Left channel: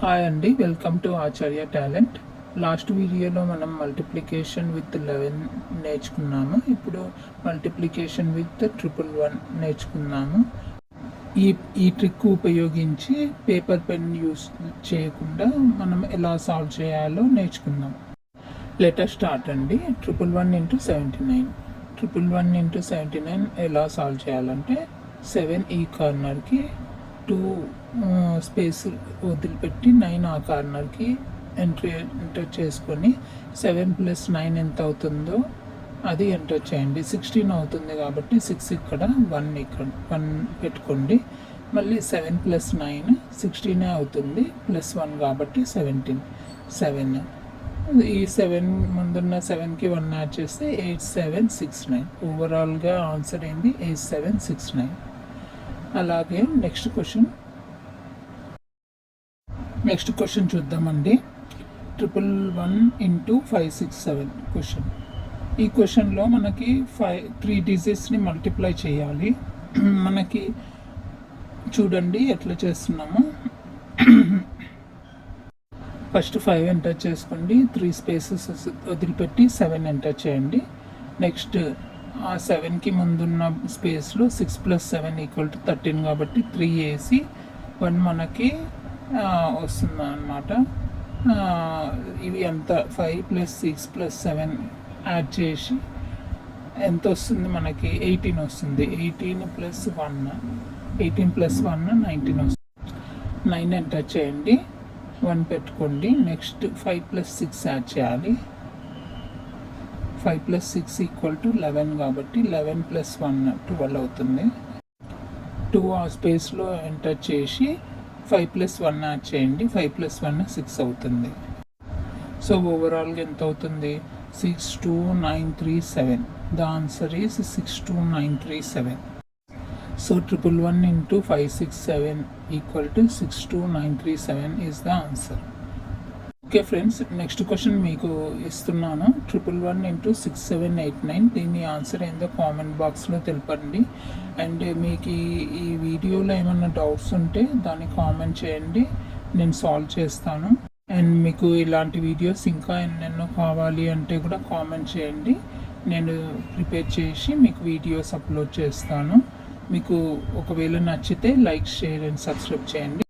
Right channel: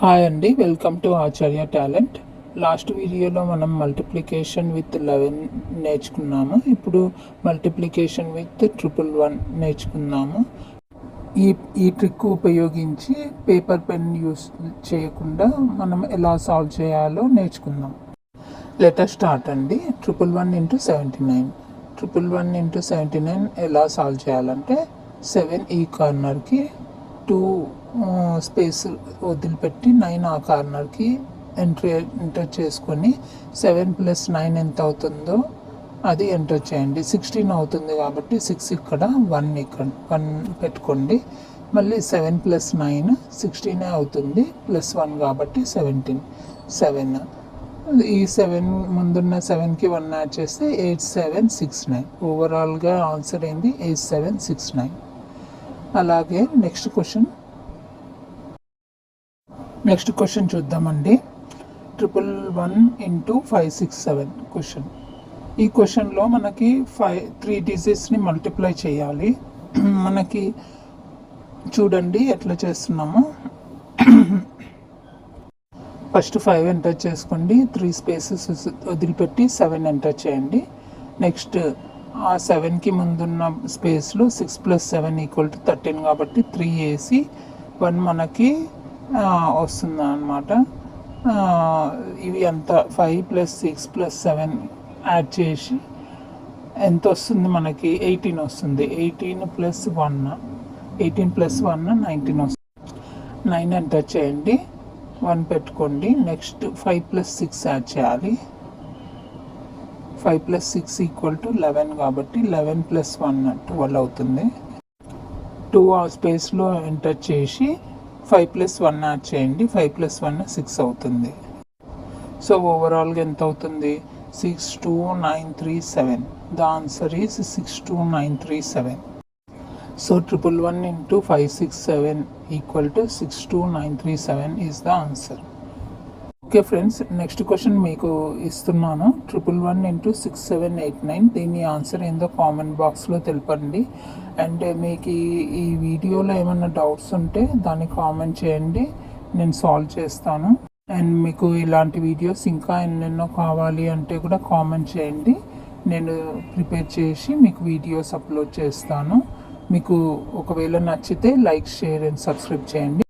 Hi అండి, welcome to Acharya talent. Last వీడియోలో మనం మల్టిప్లికేషన్ విత్ 11 నేర్చుకున్నాము. ఇప్పుడు మల్టిప్లికేషన్ విత్ 111 నేర్చుకున్నాము. ఈ ఈ ట్రిక్ ఉపయోగించి పేపర్ పెన్ యూస్ చేయకుండా మనం ఎలా సాల్వ్ చేయాలో నేర్చుకుందాం. లెటర్ స్టార్ట్ అండి. 111 ఇంటూ 79. 111 ఇంటూ 79 ఎలా సాల్వ్ చేయాలంటే 7 ఈ కార్నర్కి, 2 స్పేస్ వదిలిపెట్టి 9 ఆ కార్నర్కి ఎంటర్ చేసుకొని 7 + 9 ఎంత అవుతుందో అది ఎంటర్ చేయండి. 16 అవుతుంది కాబట్టి 6 ఇక్కడ, 1 పెట్టుకోండి. మళ్ళీ 7 + 9 16 అవుతుంది, +1 కాబట్టి 17. 7 ఈ 7 ముందున్న 7కి 1 యాడ్ చేస్తే 8769. ఓవరాల్గా ఆన్సర్ అయింది 8769. అలాగే నెక్స్ట్ క్వశ్చన్ చూద్దామండి. 111 ఇంటూ 567 క్వశ్చన్. ఈ క్వశ్చన్లో మనకి 3 డిజిట్స్ని మల్టిప్లై చేయాలి. మనకి చూడండి ఎట్లా చేస్తున్నాము. ఫస్ట్ 5 ఎంటర్ చేసుకోండి, 3 స్పేసెస్ వదిలిపెట్టి 7 ఎంటర్ చేయండి. నెక్స్ట్ ఆ 7కి ముందున్న స్పేస్లో 6 + 7 = 13 కాబట్టి 3 వేసి 1 మనకి వస్తుంది అన్నమాట. ఇవి అంతా 5 + 6 + 7 యాడ్ చేసి ఎంత వస్తుంది మనకి? 18 వస్తుంది. 18 + 1 19 వస్తుంది. 9 ఎంటర్ చేయండి, 1 పెట్టుకోండి. నెక్స్ట్ 5 + 6 యాడ్ చేయాలి. 5 + 6 = 11 కాబట్టి 11 + 1 12 అవుతుంది. 2 ఆ స్పేస్లో ఎంటర్ చేసి 5 + 1 యాడ్ చేయండి. 5 + 1 6 అవుతుంది. సో ఓవరాల్గా ఎంత అవుతుంది? 62937. The answer is 62937. So 111 into 567 = 62937 is the answer. Okay friends, next question మీకు ఇస్తున్నాను. 111 ఇంటూ 6789. దీని ఆన్సర్ ఏందో కామెంట్ బాక్స్లో తెలపండి. అండ్ మీకు ఈ వీడియోలో ఏమైనా డౌట్స్ ఉంటే దాన్ని కామెంట్ చేయండి, నేను సాల్వ్ చేస్తాను. అండ్ మీకు ఇలాంటి వీడియోస్ ఇంకా ఎన్నెన్నో కావాలి అంటే కూడా కామెంట్ చేయండి, నేను ప్రిపేర్ చేసి మీకు వీడియోస్ అప్లోడ్ చేస్తాను. మీకు ఒకవేళ నచ్చితే లైక్, షేర్ అండ్ సబ్స్క్రైబ్ చేయండి.